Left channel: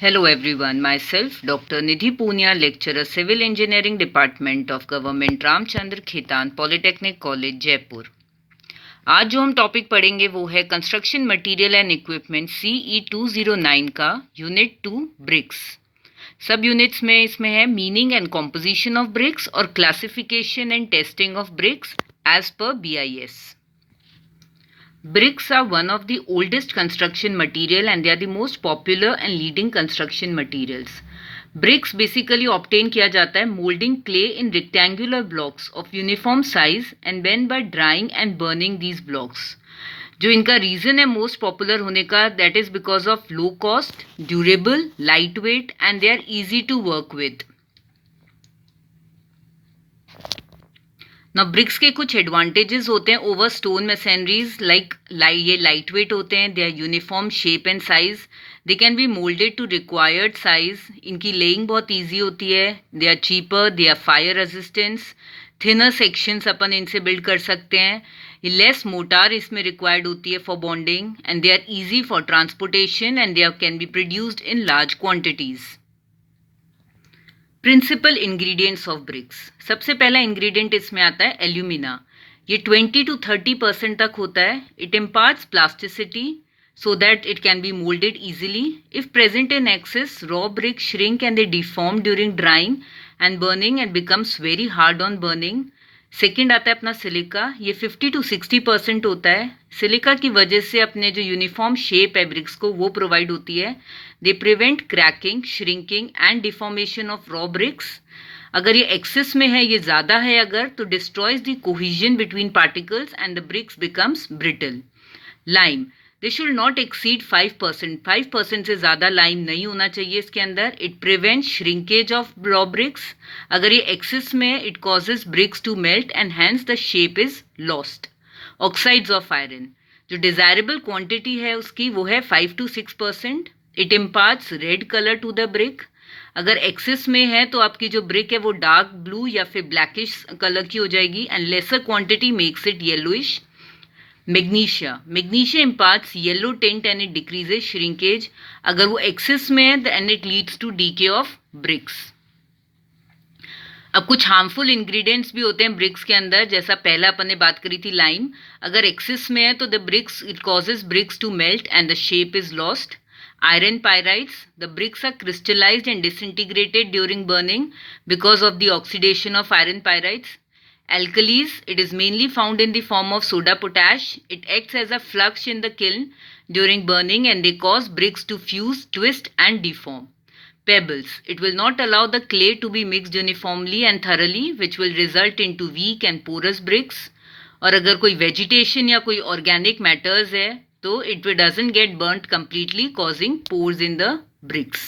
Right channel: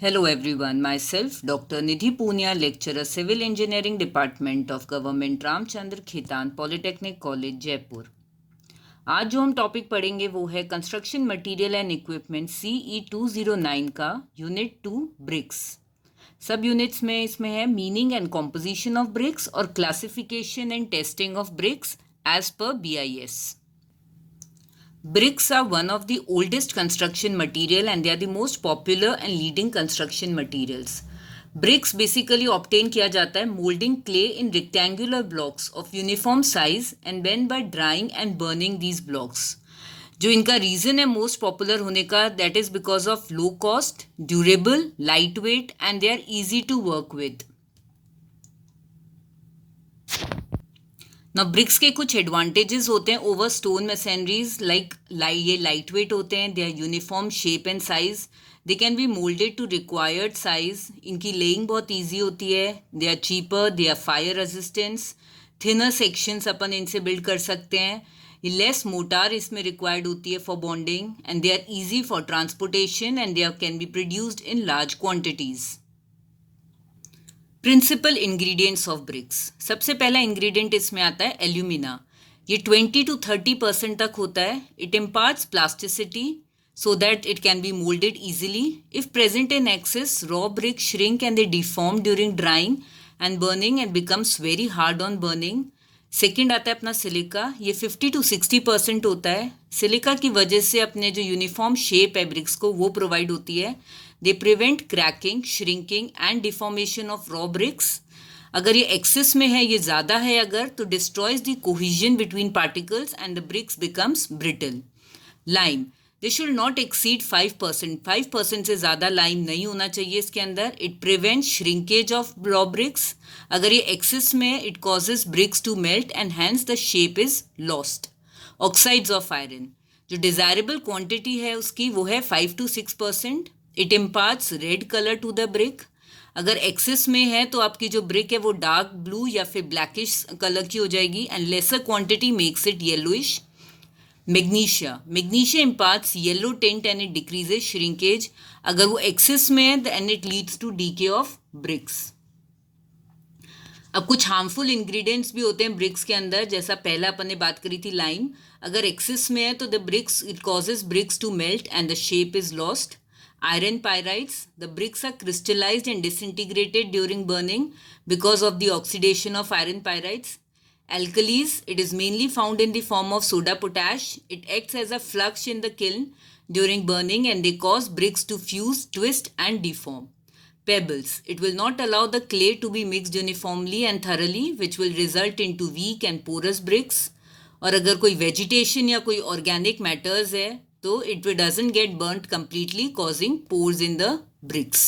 Hello everyone, myself Dr. Nidhi Punia, lecturer Civil Engineering Department of Government Ramchandra Khetan polytechnic college Jaipur. आज जो हम topic पढ़ेंगे वो है construction material and equipment CE 209 का यूनिट 2 ब्रिक्स। सब यूनिट्स में इसमें है meaning and composition of bricks और classification and testing of bricks as per BIS। Bricks are one of the oldest construction material and they are the most popular and leading construction materials. Bricks basically obtain किया जाता है molding clay in rectangular blocks of uniform size and then by drying and burning these blocks. जो इनका reason है most popular होने का that is because of low cost, durable, light weight and they are easy to work with. ना bricks के कुछ advantages होते हैं ओवर स्टोन मशीनरीज लाइक ये लाइट वेट होते हैं, they are uniform shape and size, they can be moulded to required size, इनकी laying बहुत इजी होती है, they are cheaper, they are fire resistance, thinner sections अपन इनसे बिल्ड कर सकते हैं, लेस मोटार इसमें रिक्वायर्ड होती है for bonding and they are easy for transportation and they are can be produced in large quantities. Principal ingredients of bricks. सबसे पहला इंग्रेडिएंट इसमें आता है एल्यूमिना। ये 20 to 30% तक होता है। It imparts plasticity so that it can be molded easily. If present in excess, raw bricks shrink and they deform during drying and burning and becomes very hard on burning. Second आता है अपना silica. ये 50 to 60% होता है। Silica की वजह से अपने जो यूनिफॉर्म शेप है ब्रिक्स को वो प्रोवाइड होती है। They prevent cracking, shrinking and deformation of raw bricks. अगर ये एक्सेस में है, ये ज़्यादा है अगर, तो destroys the cohesion between particles and the bricks becomes brittle. Lime, they should not exceed 5%। 5% से ज़्यादा लाइम नहीं होना चाहिए इसके अंदर। It prevent shrinkage of raw bricks. अगर ये एक्सेस में है, it causes bricks to melt and hence the shape is lost. Oxides of iron, जो डिज़ायरेबल क्वांटिटी है उसकी वो है 5 to 6%। It imparts red colour to the brick. अगर एक्सेस में है तो आपकी जो ब्रिक है वो डार्क ब्लू या फिर ब्लैकिश कलर की हो जाएगी and lesser quantity makes it yellowish. Magnesia imparts yellow tint and it decreases shrinkage. अगर वो एक्सेस में है and it leads to decay of bricks. अब कुछ हार्मफुल इंग्रेडिएंट्स भी होते हैं ब्रिक्स के अंदर, जैसा पहला अपन ने बात करी थी लाइम। अगर एक्सेस में है तो the bricks it causes bricks to melt and the shape is lost. Iron pyrites, the bricks are crystallized and disintegrated during burning because of the oxidation of iron pyrites. Alkalis, it is mainly found in the form of soda potash. It acts as a flux in the kiln during burning and they cause bricks to fuse, twist and deform. Pebbles, it will not allow the clay to be mixed uniformly and thoroughly, which will result into weak and porous bricks. और अगर कोई vegetation या कोई organic matters है तो it doesn't get burnt completely, causing pores in the bricks.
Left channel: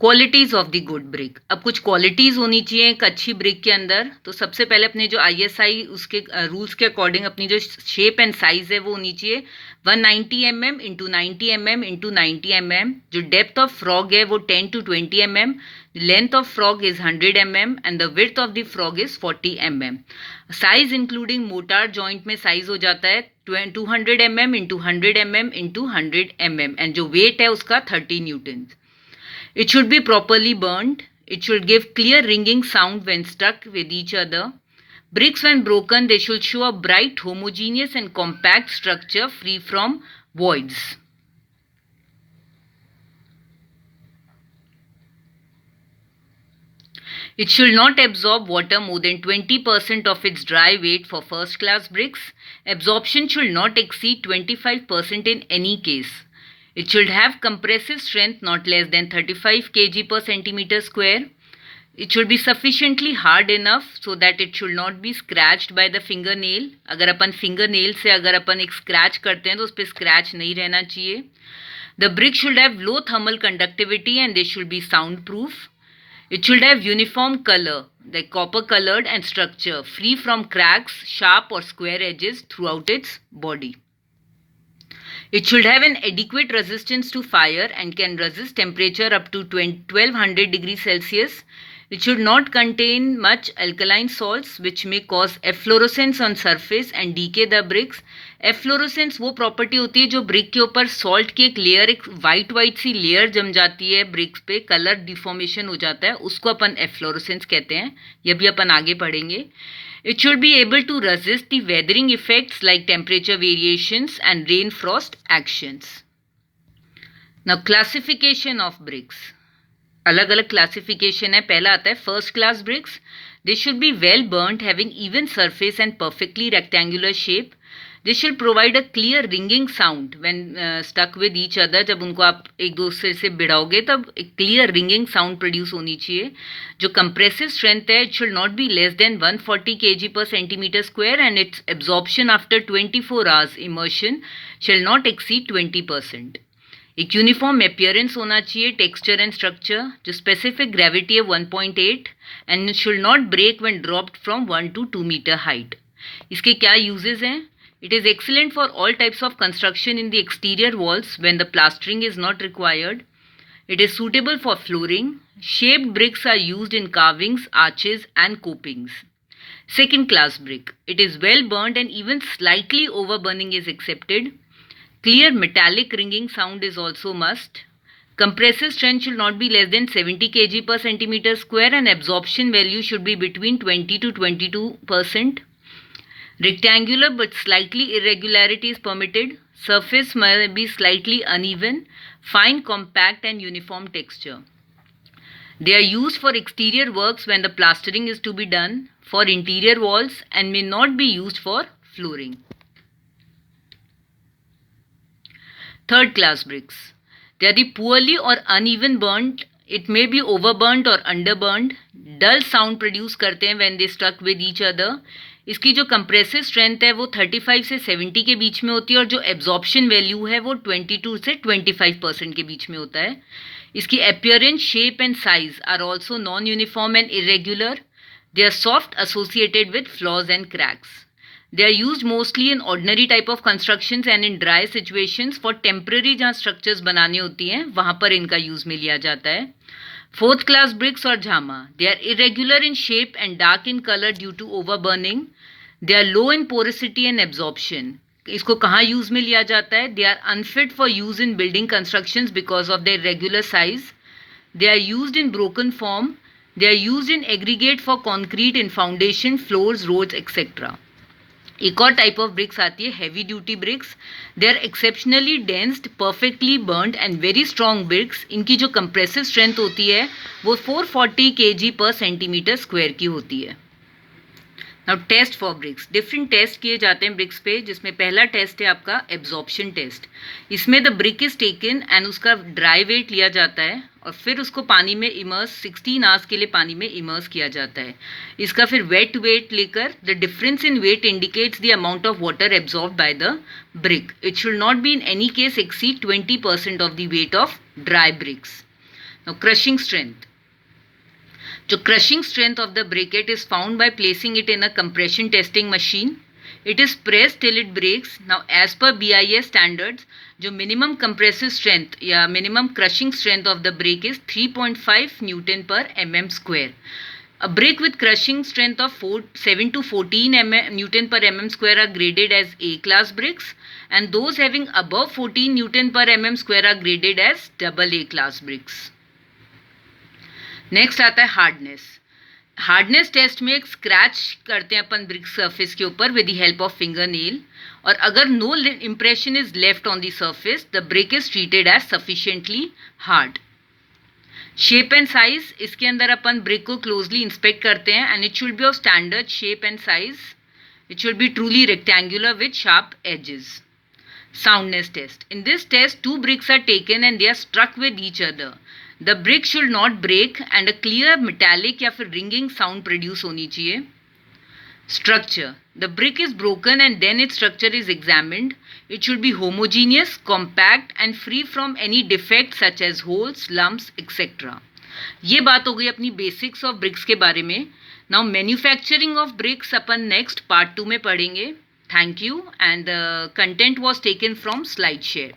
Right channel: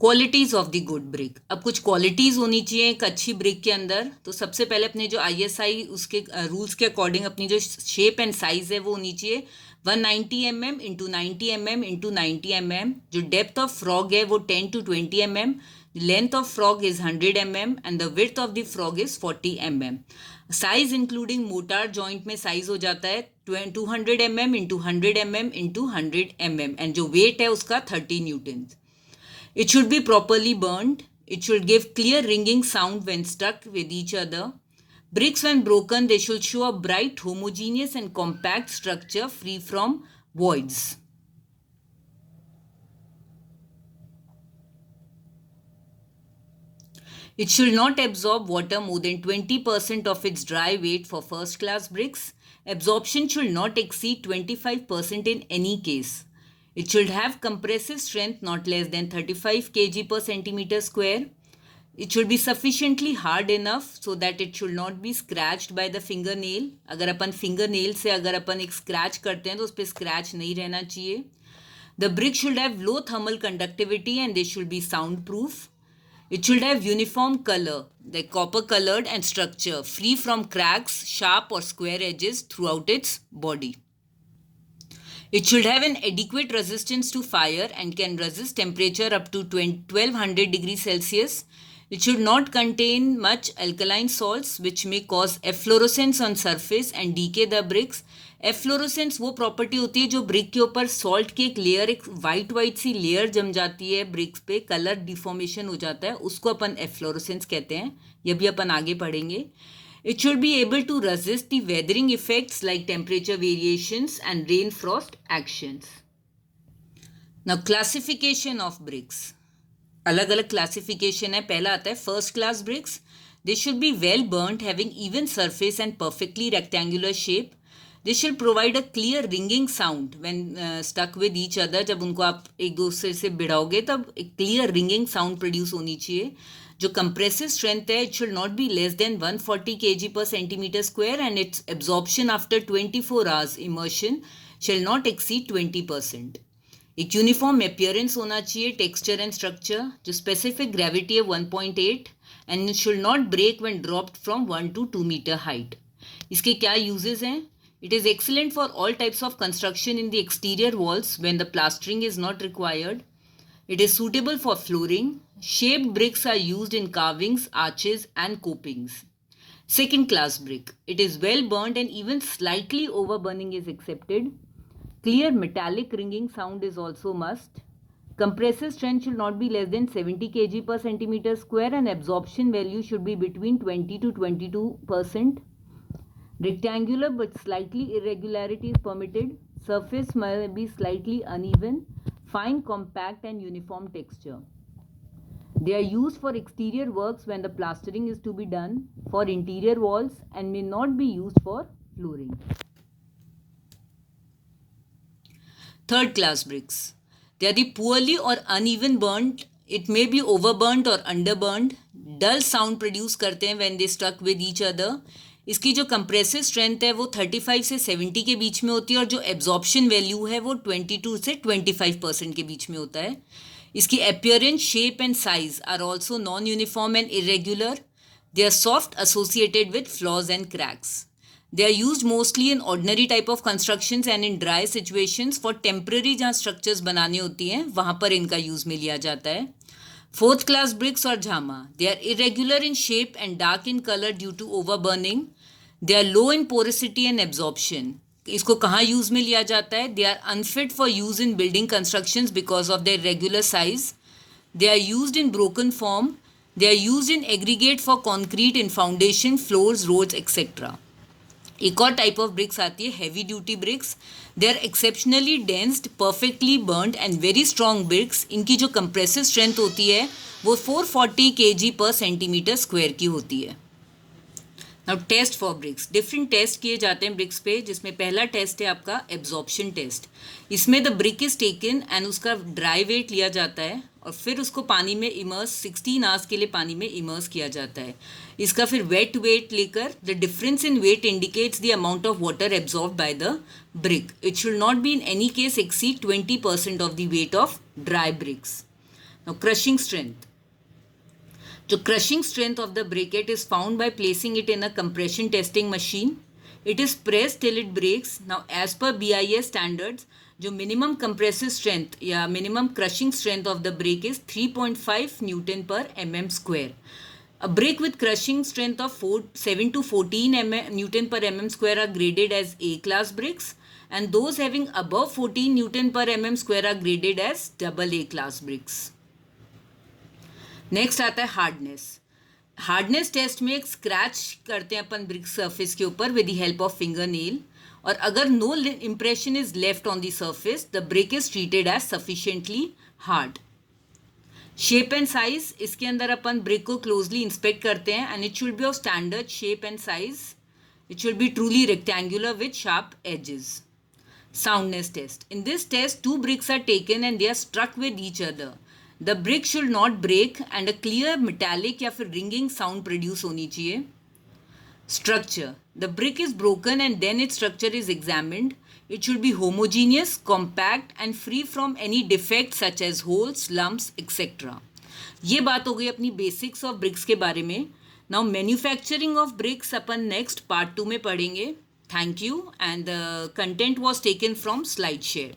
Qualities of the good brick. अब कुछ qualities होनी चाहिए एक अच्छी ब्रिक के अंदर। तो सबसे पहले अपने जो ISI उसके रूल्स के अकॉर्डिंग अपनी जो शेप एंड साइज़ है वो होनी चाहिए 190 mm into 90 mm into 90 mm। जो डेप्थ ऑफ फ्रॉग है वो 10 to 20 mm। Length of frog is 100 mm and the width of the frog is 40 mm। Size including motor joint में साइज हो जाता है 200 mm into 100 mm into 100 mm and जो wait है उसका 30 Newton. It should be properly burned. It should give clear ringing sound when stuck with each other. Bricks when broken, they should show a bright, homogeneous and compact structure free from voids. It should not absorb water more than 20% of its dry weight for first class bricks. Absorption should not exceed 25% in any case. It should have compressive strength not less than 35 kg per centimeter square. It should be sufficiently hard enough so that it should not be scratched by the fingernail. अगर अपन fingernail से अगर अपन एक scratch करते हैं तो उस पर scratch नहीं रहना चाहिए. The brick should have low thermal conductivity and they should be soundproof. It should have uniform color, like copper colored and structure, free from cracks, sharp or square edges throughout its body. It should have an adequate resistance to fire and can resist temperature up to 1200 degrees Celsius. It should not contain much alkaline salts which may cause efflorescence on surface and decay the bricks. एफ्लोरोसेंस वो property होती है जो brick के ऊपर salt की एक layer, एक white सी layer जम जाती है ब्रिक्स पे, कलर डिफॉर्मेशन हो जाता है, उसको अपन एफ्लोरोसेंस कहते हैं. ये भी अपन आगे पढ़ेंगे. It should be able to resist the weathering effects like temperature variations and rain frost actions. Now classification of bricks. अलग अलग क्लासिफिकेशन है. पहला आता है first class BRICS. They should be well burnt, having even surface and perfectly rectangular shape. They should provide a clear ringing sound when stuck with each other. जब उनको आप एक दूसरे से भिड़ाओगे तब एक क्लियर रिंगिंग साउंड प्रोड्यूस होनी चाहिए. जो कंप्रेसिव स्ट्रेंथ है, it should not be less than 140 kg per centimeter square and its absorption after 24 hours immersion shall not exceed 20%. एक यूनिफॉर्म अपियरेंस होना चाहिए, टेक्सचर एंड स्ट्रक्चर. जो स्पेसिफिक ग्रेविटी है 1.8 and it should not break when dropped from 1 to 2 meter height. इसके क्या uses हैं? It is excellent for all types of construction in the exterior walls when the plastering is not required. It is suitable for flooring. Shaped bricks are used in carvings, arches and copings. Second class brick. It is well burnt and even slightly overburning is accepted. Clear metallic ringing sound is also must. Compressive strength should not be less than 70 kg per centimeter square and absorption value should be between 20 to 22%. Rectangular but slightly irregularity is permitted. Surface may be slightly uneven. Fine, compact and uniform texture. They are used for exterior works when the plastering is to be done, for interior walls and may not be used for flooring. Third class bricks. They are the poorly or uneven burnt. It may be overburnt or underburnt. Dull sound produce करते हैं when they struck with each other. इसकी जो compressive strength है वो 35 से 70 के बीच में होती है और जो एब्जॉर्प्शन वैल्यू है वो 22 से 25% के बीच में होता है. इसकी appearance, shape and size are also non uniform and irregular. They are soft associated with flaws and cracks. They are use mostly in ordinary type of constructions and in dry situations. For temporary जहाँ structures बनानी होती हैं वहाँ पर इनका use में लिया जाता है. फोर्थ क्लास ब्रिक्स और झामा. They are irregular in shape and dark in colour due to overburning. They are low in porosity and absorption. इसको कहाँ यूज़ में लिया जाता है? They are unfit for use in building constructions because of their regular size. They are used in broken form. They are used in aggregate for concrete in foundation, floors, roads etcetera. एक और type of bricks आती है heavy duty bricks. They are exceptionally densed, perfectly burned and very strong bricks. इनकी जो compressive strength होती है वो 440 kg पर सेंटीमीटर स्क्वायर की होती है. Now test for bricks. Different test किए जाते हैं ब्रिक्स पे, जिसमें पहला टेस्ट है आपका एब्जॉर्प्शन टेस्ट. इसमें the brick is taken and उसका ड्राई वेट लिया जाता है और फिर उसको पानी में इमर्स 16 आवर्स के लिए पानी में इमर्स किया जाता है. इसका फिर वेट वेट लेकर the difference in weight indicates the amount of water absorb by the brick. It should not be in any case exceed 20% of the weight of dry bricks. Now crushing strength. जो crushing strength of the briquette is found by placing it in a compression testing machine. It is pressed till it breaks. Now as per BIS standards, जो minimum compressive strength या minimum crushing strength of the brick is 3.5 Newton per mm square. A brick with crushing strength of 7 to 14 Newton per mm square are graded as A class bricks, and those having above 14 Newton per mm square are graded as AA class bricks. Next आता है hardness. Hardness test में एक scratch करते हैं अपन brick surface के ऊपर with the help of finger nail, और अगर no impression is left on the surface the brick is treated as sufficiently hard. Shape and size. इसके अंदर अपन ब्रिक को क्लोजली इंस्पेक्ट करते हैं and it should be of standard shape and size. It should be truly rectangular with sharp edges. Soundness test. In this test 2 bricks are taken and they are struck with each other. The brick should not break and a clear metallic या फिर ringing sound produce होनी चाहिए. Structure. The brick is broken and then its structure is examined. It should be homogeneous, compact and free from any defects such as holes, lumps, etc. ये बात हो गई अपनी basics of bricks के बारे में. Now manufacturing of bricks upon next part 2 में पढ़ेंगे. Thank you and the content was taken from SlideShare.